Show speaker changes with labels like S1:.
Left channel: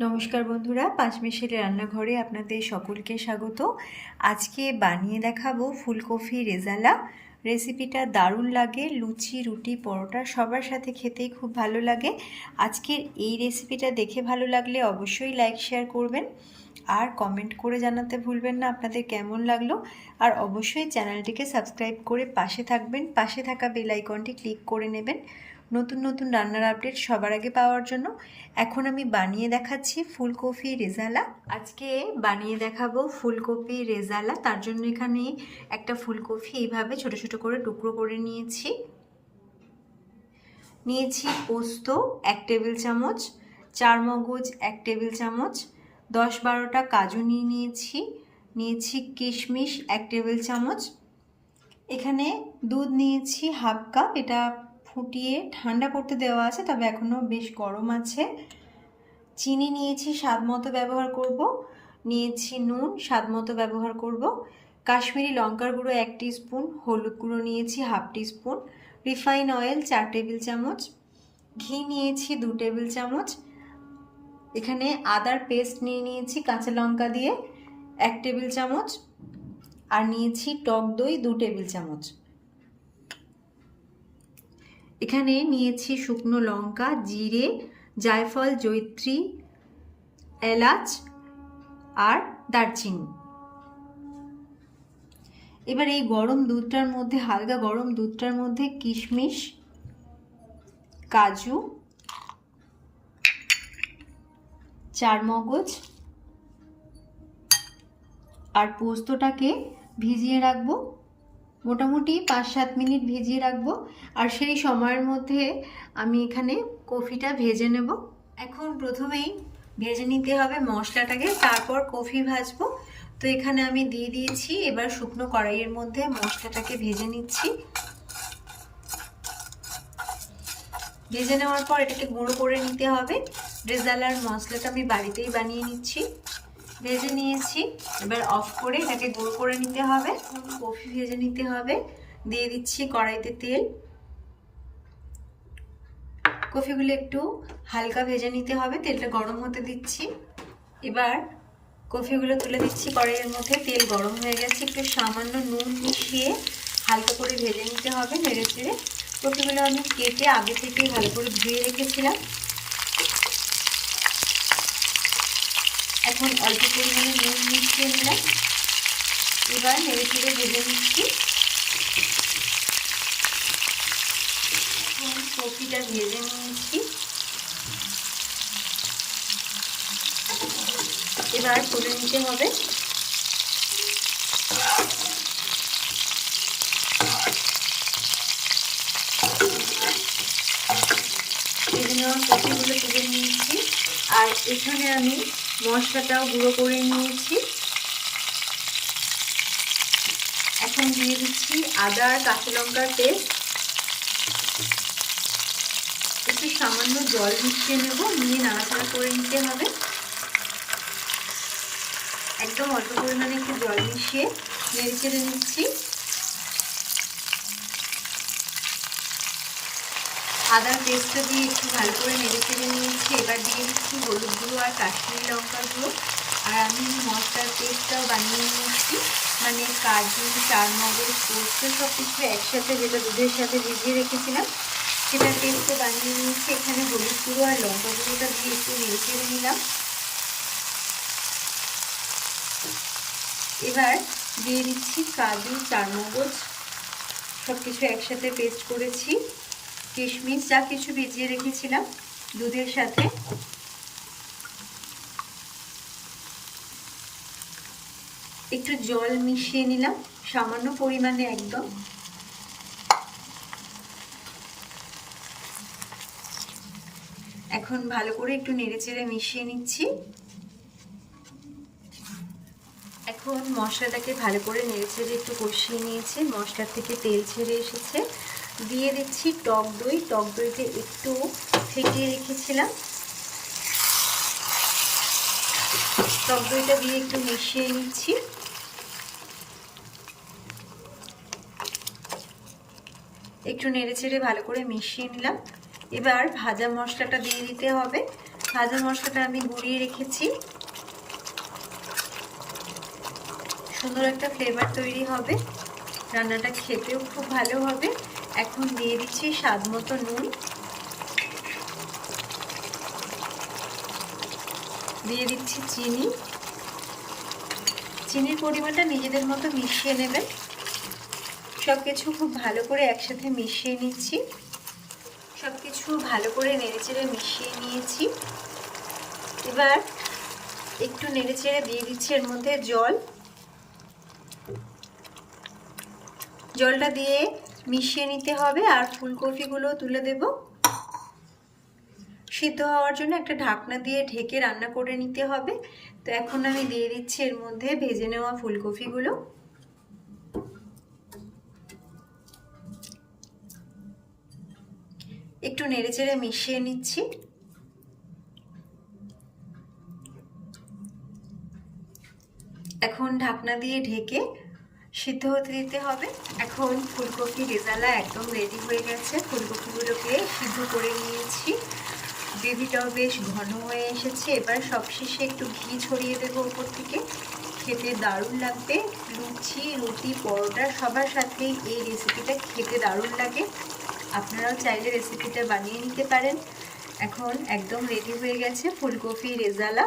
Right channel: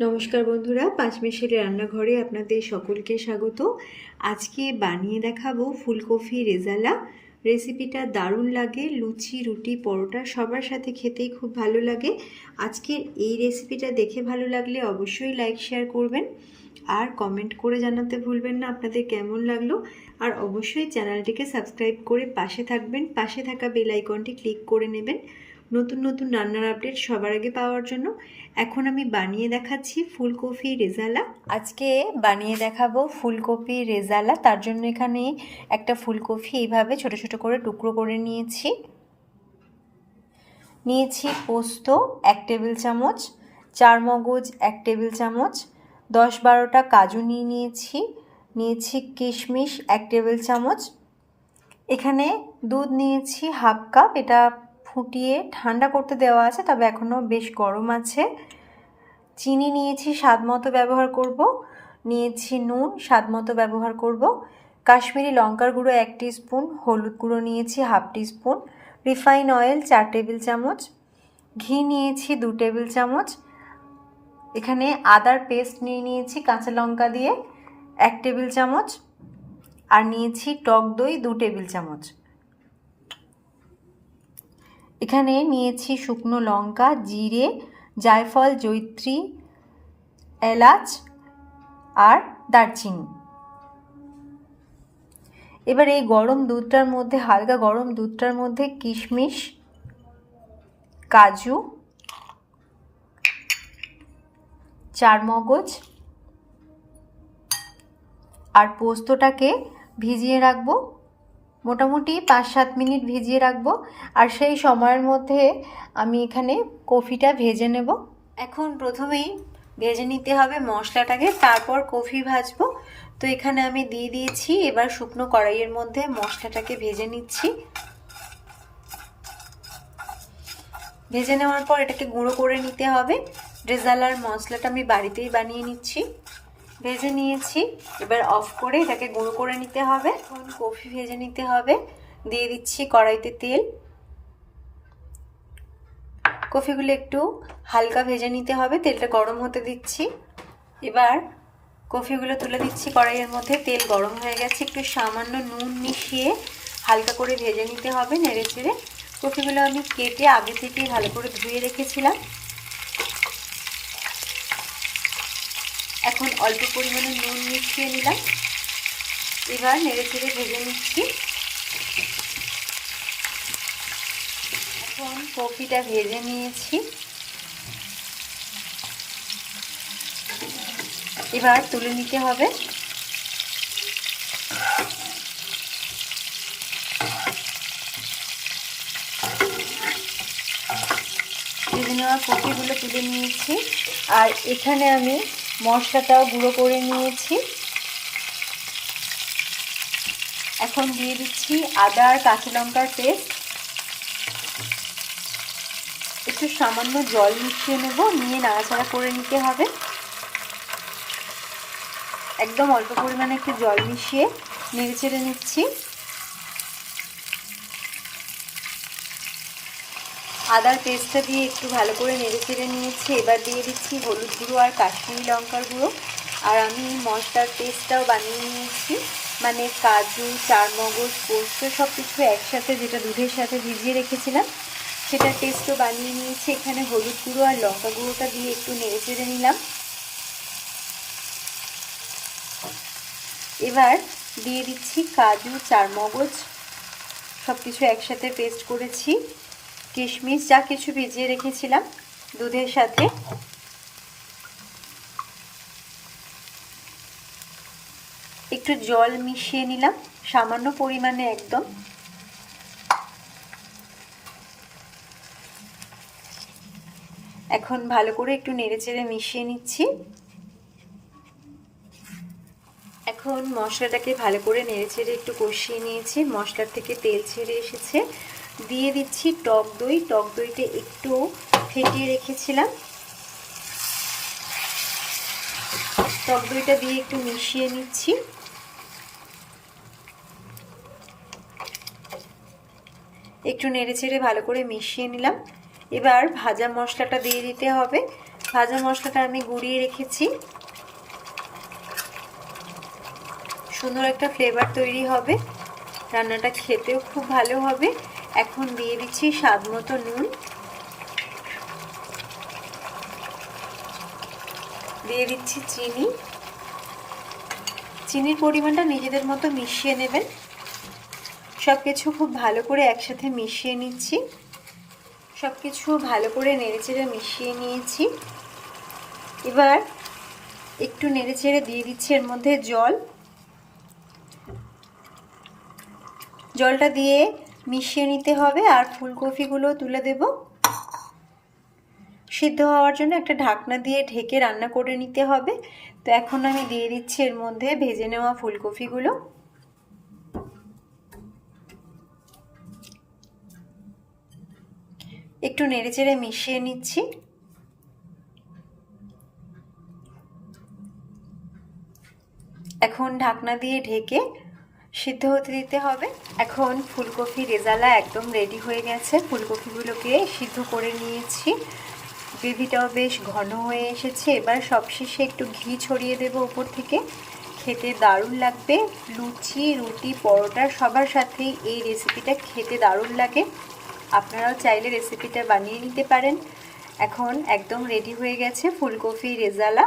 S1: নমস্কার বন্ধুরা পাঁচমেশের রান্নাঘরে আপনাদের সকলকে স্বাগত। আজকে বানিয়ে দেখাবো ফুলকপি রেজালা। রেসিপিটা দারুণ লাগে, লুচি, রুটি, পরোটা সবার সাথে খেতেই খুব ভালো লাগে। আজকের এই রেসিপিটা দেখে ভালো লাগলে অবশ্যই লাইক, শেয়ার করবেন। আর কমেন্ট করে জানাতে ভুলবেন না, আপনাদের কেমন লাগল। আর অবশ্যই চ্যানেলটিকে সাবস্ক্রাইব করে পাশে থাকবেন, পাশে থাকা বেল আইকনটি ক্লিক করে নেবেন। নতুন নতুন রান্নার আপডেট সবার আগে পাওয়ার জন্য। এখন আমি বানিয়ে দেখাচ্ছি ফুলকপি রেজালা। আজকে বানিয়ে দেখাবো ফুলকপি রেজালা। তার জন্য এখানে একটা ফুলকপি এইভাবে ছোট ছোট করে টুকরো করে নিয়েছি। নিয়েছি পোস্ত এক টেবিল চামচ, চার মগজ এক টেবিল চামচ, দশ বারোটা কাজু নিয়ে নিয়েছি। নিয়েছি কিশমিশ এক টেবিল চামচ। এখানে দুধ নিয়েছি হাফ কাপ, এটা ফুটিয়ে ঠান্ডা করতে দেওয়া আছে, তবে এখনও বেশ গরম আছে। চিনি নিয়েছি, স্বাদ মতো ব্যবহার করব। নিয়েছি নুন, স্বাদ মতো ব্যবহার করব। কাশ্মীরি লঙ্কার গুঁড়ো এক স্পুন হলুদ গুঁড়ো নিয়েছি হাফ স্পুন রিফাইন অয়েল চার টেবিল চামচ, ঘি নিয়েছি দু টেবিল চামচ, এখানে আদার পেস্ট নিয়ে নিয়েছি কাঁচা লঙ্কা দিয়ে এক টেবিল চামচ, আর নিয়েছি টক দই দু টেবিল চামচ। এখানে নিয়েছি শুকনো লঙ্কা, জিরে, জায়ফল জৈত্রী এলাচ আর দারচিনি। এবার এই গরম দুধটার মধ্যে, হালকা গরম দুধটার মধ্যে কিশমিশ, কাজু, চারমগজ আর পোস্তটাকে ভিজিয়ে রাখব। মোটামুটি পাঁচ সাত মিনিট ভিজিয়ে রাখব। আর সেই সময়ের মধ্যে আমি এখানে কফিটা ভেজে নেব। এখন প্রথমেই ভেজে নিতে হবে মশলাটাকে, তারপর কফি ভাজবো। তো এখানে আমি দিয়ে দিয়েছি, এবার শুকনো কড়াইয়ের মধ্যে মশলাটাকে ভেজে নিচ্ছি। ভেজে নেওয়ার পর এটাকে গুঁড়ো করে নিতে হবে। রেজালার মশলাটা আমি বাড়িতেই বানিয়ে নিচ্ছি। ভেজে নিয়েছি। এবার অফ করে এটাকে গুঁড়ো করে নিতে হবে। কফি ভেজে নিতে হবে। দিয়ে দিচ্ছি কড়াইতে তেল। কফিগুলো একটু হালকা ভেজে নিতে হবে। তেলটা গরম হতে দিচ্ছি। এবার কফিগুলো তুলে দিচ্ছি কড়াইয়ের মধ্যে। তেল গরম হয়ে গেছে। একটু সামান্য নুন মিশিয়ে হালকা করে ভেজে নিতে হবে নেড়ে চেড়ে। কফিগুলো আমি কেটে আগে থেকেই ভালো করে ধুয়ে রেখেছিলাম। এখন অল্প পরিমাণে নুন মিশিয়ে নিলাম। এবার নেড়ে চেড়ে ভেজে নিচ্ছি। এখন কপিটা ভেজে নিয়েছি। এবার তুলে নিতে হবে। নেওয়া কপিগুলো তুলে নিয়েছি। আর এখানে আমি মশলাটাও গুঁড়ো করে নিয়েছি। এখন দিয়ে দিচ্ছি আদা আর কাঁচা লঙ্কার পেস্ট। একটু সামান্য জল মিশিয়ে নেব, নিয়ে নাড়াচাড়া করে নিতে হবে। একদম অল্প পরিমাণে একটু জল মিশিয়ে নেড়ে চেড়ে নিচ্ছি। আদার পেস্টটা দিয়ে একটু ভালো করে নেড়ে চেড়ে নিয়েছি। এবার দিয়ে দিচ্ছি হলুদ গুঁড়ো আর কাশ্মীরি লঙ্কার গুঁড়ো। আর আমি মশলার পেস্টটাও বানিয়ে নিয়েছি। মানে কাজু, চারমগজ, পোস্ত সব কিছু একসাথে যেটা দুধের সাথে ভিজিয়ে রেখেছিলাম সেটা পেস্টও বানিয়ে নিয়েছি। এখানে হলুদ গুঁড়ো আর লঙ্কা গুঁড়োটা দিয়ে একটু নেড়ে চেড়ে নিলাম। এবার দিয়ে দিচ্ছি কাজু, চারমগজ সব কিছু একসাথে পেস্ট করেছি। কিশমিশ, যা কিছু ভিজিয়ে রেখেছিলাম দুধের সাথে। একটু জল মিশিয়ে নিলাম, সামান্য পরিমাণে একদম। এখন ভালো করে একটু নেড়ে চেড়ে মিশিয়ে নিচ্ছি। এখন মশলাটাকে ভালো করে নেড়ে চেড়ে একটু কষিয়ে নিয়েছি। মশলার থেকে তেল ছেড়ে এসেছে। দিয়ে দিচ্ছি টক দই। টক দইতে একটু ফেটিয়ে রেখেছিলাম। টক দইটা দিয়ে একটু মিশিয়ে নিচ্ছি। একটু নেড়ে চেড়ে ভালো করে মিশিয়ে নিলাম। এবার ভাজা মশলাটা দিয়ে দিতে হবে। ভাজা মশলাটা আমি গুঁড়িয়ে রেখেছি। সুন্দর একটা ফ্লেভার তৈরি হবে। রান্নাটা খেতেও খুব ভালো হবে। এখন দিয়ে দিচ্ছি স্বাদ মতো নুন। দিয়ে দিচ্ছি চিনি। চিনির পরিমাণটা নিজেদের মতো মিশিয়ে নেবেন। সব কিছু খুব ভালো করে একসাথে মিশিয়ে নিচ্ছি। সব কিছু ভালো করে নেড়েচেড়ে মিশিয়ে নিয়েছি। এবার একটু নেড়েচেড়ে দিয়ে দিচ্ছি এর মধ্যে জল। জলটা দিয়ে মিশিয়ে নিতে হবে আর ফুলকপিগুলো তুলে দেব। সিদ্ধ হওয়ার জন্য একটা ঢাকনা দিয়ে ঢেকে রান্না করে নিতে হবে। তো এখন আমি দিয়ে দিচ্ছি এর মধ্যে ভেজে নেওয়া ফুলকপিগুলো। একটু নেড়ে চেড়ে মিশিয়ে নিচ্ছি। এখন ঢাকনা দিয়ে ঢেকে সিদ্ধ হতে দিতে হবে। এখন ফুলকপি রেজালা একদম রেডি হয়ে গেছে। ফুলকপিগুলোকে সিদ্ধ করে নিয়েছি। গ্রেভিটাও বেশ ঘন হয়ে এসেছে। এবার সবশেষে একটু ঘি ছড়িয়ে দেবো উপর থেকে। খেতে দারুণ লাগবে। লুচি, রুটি, পরোটা সবার সাথেই এই রেসিপিটা খেতে দারুণ লাগে। আপনারাও চাইলে রেসিপিটা বানিয়ে নিতে পারেন। এখন একদম রেডি হয়ে গেছে ফুলকপি রেজালা।